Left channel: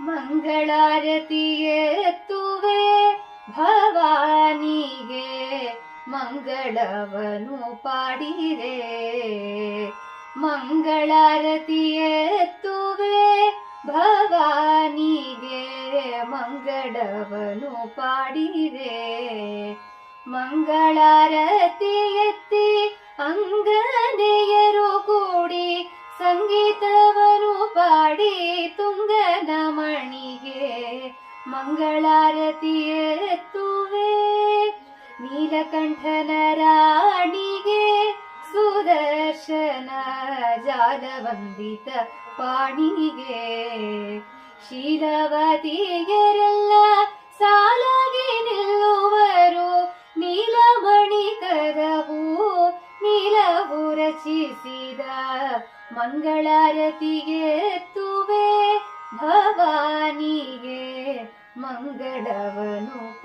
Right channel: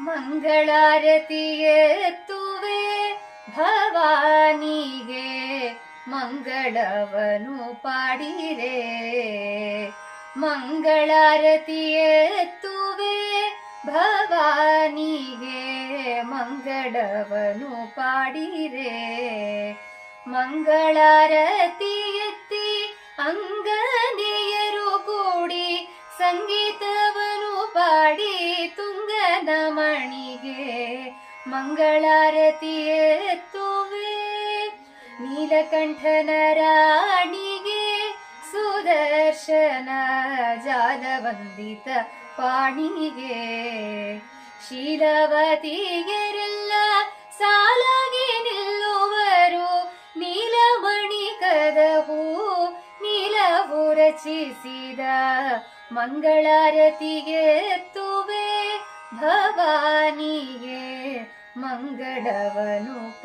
ಮಂಗಳಾರತಿಯೆತ್ತುವೆ ಭವಾನಿಗೆ ಮಂಗಳವನು ಪಾಡಿರೆ. ಮಂಗಳಾರತಿಯೆತ್ತುವೆ ಭವಾನಿಗೆ ಮಂಗಳವನು ಪಾಡಿರೆ. ಮಂಗಳಾರತಿ ಎತ್ತಿ ಅಂಗನೆಯರು ಕೂಡಿ ಸಂಗೀತವನು ಪಾಡಿ ತುಂಗನಮಣಿಗೆ ಮಂಗಳಾರತಿ ಎತ್ತುವೆ. ನೀಲಕಂಠನ ರಾಣಿಗೆ ಸುದರ್ಶನ ಜಾಲವಂದಿತ ಪಾಣಿಗೆ ಶೀಲವತಿಯರೆಲ್ಲ ಸಾಲಾಗಿ ನಿಲ್ಲುವರು. ನೀಲಮಣಿ ಕದಹು ನೀಲವು ರಚಿಸಿದ ಮಂಗಳಾರತಿಗೆ ಎತ್ತುವೆ ಭವಾನಿಗೆ ಮಂಗಳವನು